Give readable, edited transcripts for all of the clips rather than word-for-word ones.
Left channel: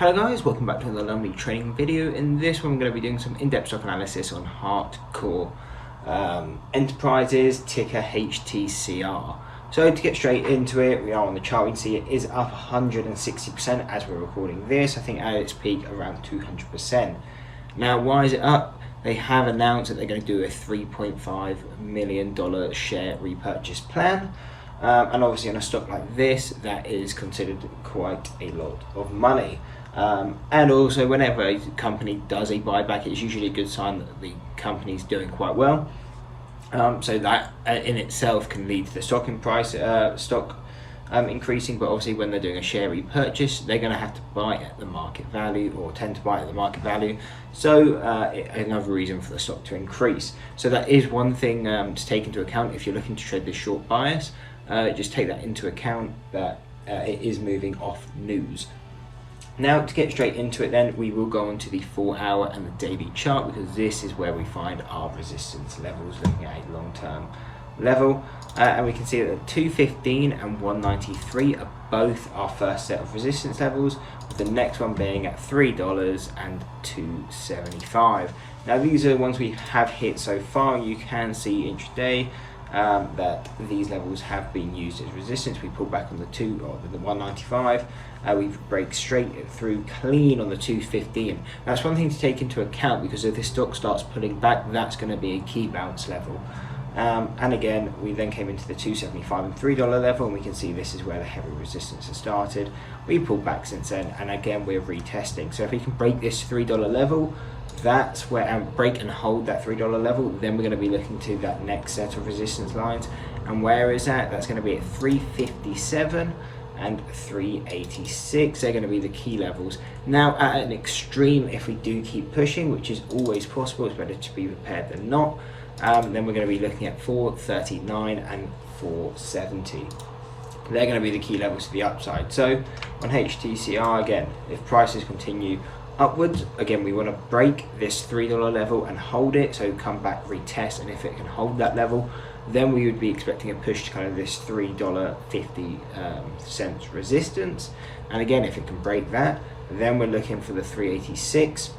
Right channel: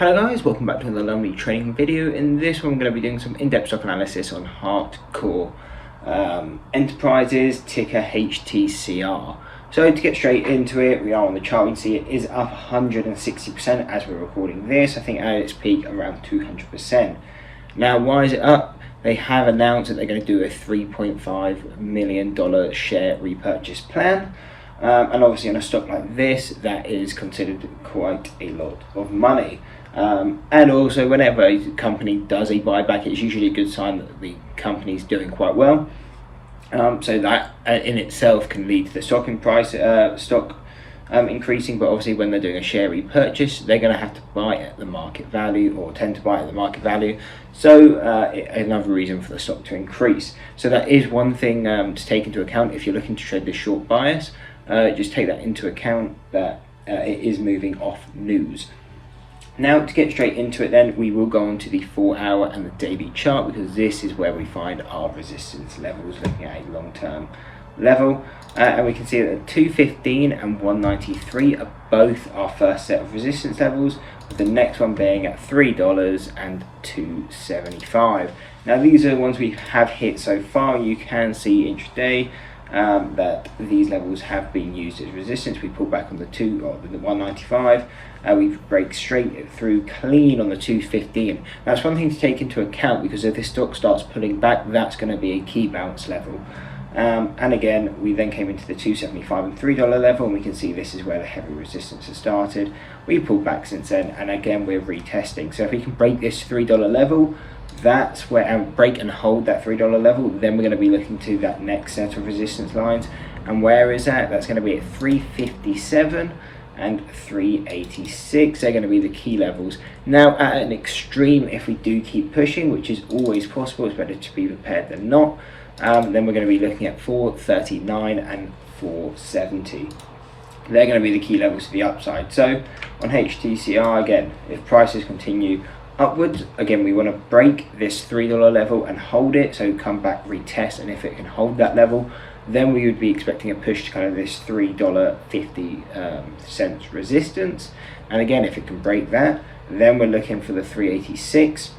Hello guys, welcome back to another lovely trading video. In this one I'm going to be doing some in-depth stock analysis on HeartCore Enterprises, ticker HTCR. So to get straight into it, we are on the chart. We can see it is up 160% as we're recording this. I think at its peak around 200%. Now why is it up? They have announced that they're going to do a $3.5 million share repurchase plan. And obviously on a stock like this, that is considered quite a lot of money. And also whenever a company does a buyback, it's usually a good sign that the company's doing quite well. So that in itself can lead to the stock increasing, but obviously when they're doing a share repurchase, they're going to have to buy at the market value, or tend to buy at the market value. So another reason for the stock to increase. So that is one thing to take into account if you're looking to trade this short bias. Just take that into account, that it is moving off news. Now to get straight into it then, we will go on to the 4-hour and the daily chart, because this is where we find our resistance levels, looking at a long-term level. And we can see that 215 and 193 are both our first set of resistance levels, with the next one being at $3 and 275. Now these are the ones we have hit so far. You can see intraday that these levels have been used as resistance. We pull back on the 195, we break straight through clean on the 215. That's one thing to take into account, because if this stock starts pulling back, that's going to be a key bounce level. And again, we then came into the 275 and $3 level, and we can see this is where the heavy resistance has started. We pulled back since then, and again we're retesting. So if we can break this $3 level, that's where, and break and hold that $3 level, then we're going to be looking to that next set of resistance lines. And where is that? That's going to be at 357 and 386. They're going to be the key levels. Now at an extreme, if we do keep pushing, which is always possible, it's better to be prepared than not, then we're going to be looking at 439 and 470. They're going to be the key levels to the upside. So on HTCR, again, if prices continue upwards, again we want to break this $3 level and hold it, so come back, retest, and if it can hold that level, then we would be expecting a push to kind of this $3.50 resistance. And again, if it can break that, then we're looking for the 386.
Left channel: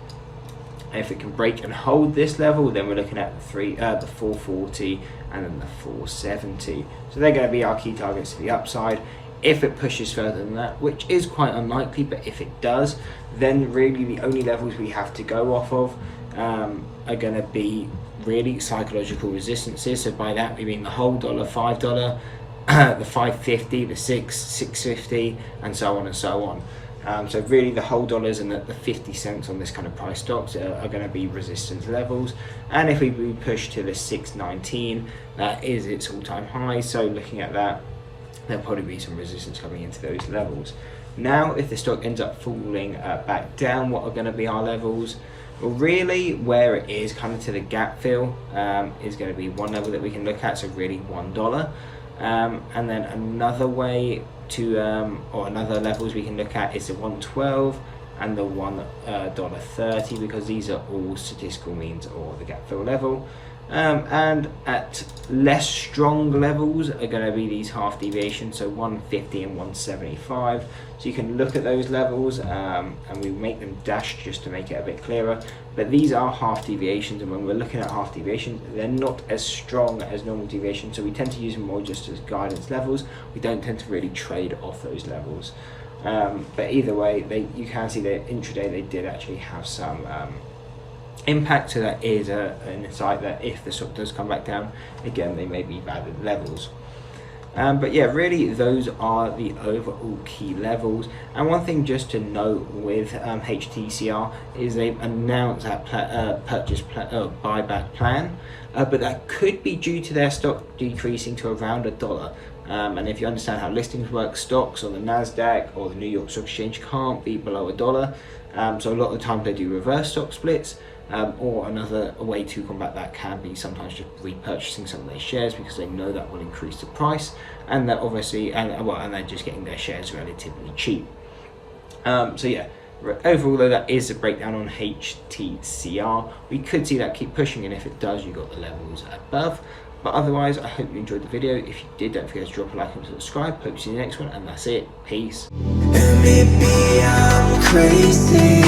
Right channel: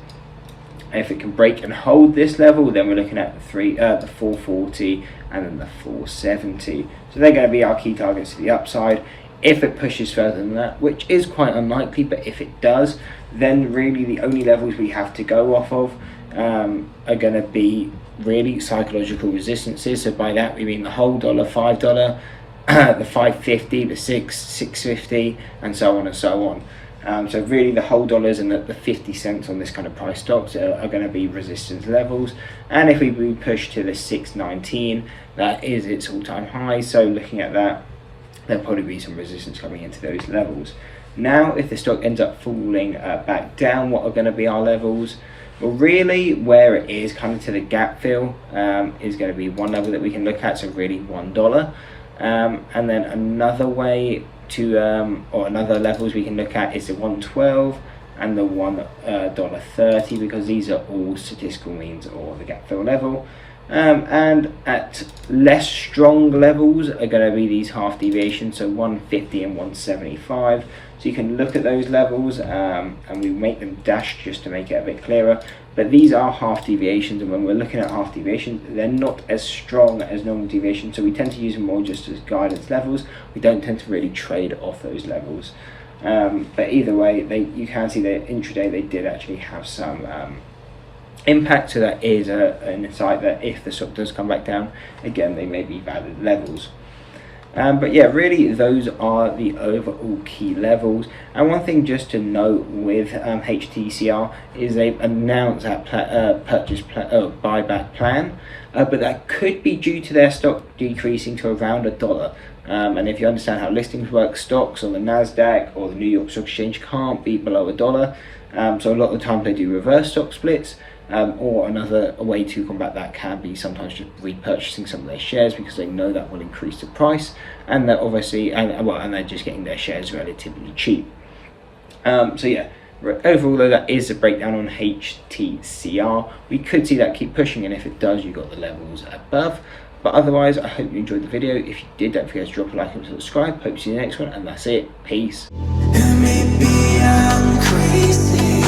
If it can break and hold this level, then we're looking at the 440 and then the 470. So they're going to be our key targets to the upside. If it pushes further than that, which is quite unlikely, but if it does, then really the only levels we have to go off of are going to be really psychological resistances. So by that we mean the whole dollar, $5, the 550, the 650, and so on and so on. So really the whole dollars and the 50 cents on this kind of price stocks are going to be resistance levels. And if we push to the 619, that is its all-time high. So looking at that, there'll probably be some resistance coming into those levels. Now if the stock ends up falling back down, what are going to be our levels? Well, really where it is kind of to the gap fill is going to be one level that we can look at, so really $1. And then another way to or another levels we can look at is the 112 and the $1.30, because these are all statistical means or the gap fill level. And at less strong levels are going to be these half deviations, so 150 and 175. So you can look at those levels, and we make them dashed just to make it a bit clearer. But these are half deviations, and when we're looking at half deviations, they're not as strong as normal deviations, so we tend to use them more just as guidance levels. We don't tend to really trade off those levels. But either way, you can see that intraday they did actually have some impact, so that is an insight that if the stock does come back down, again they may be valid levels. But yeah, really those are the overall key levels. And one thing just to note with HTCR is they've announced that buyback plan, but that could be due to their stock decreasing to around $1. And if you understand how listings work, stocks on the NASDAQ or the New York Stock Exchange can't be below $1. So a lot of the time they do reverse stock splits. Or another way to combat that can be sometimes just repurchasing some of their shares, because they know that will increase the price, and they're obviously and they're just getting their shares relatively cheap. So yeah, overall though, that is a breakdown on HTCR. We could see that keep pushing, and if it does, you got the levels above. But otherwise, I hope you enjoyed the video. If you did, don't forget to drop a like and subscribe. Hope to see you in the next one, and that's it. Peace. Maybe I'm crazy.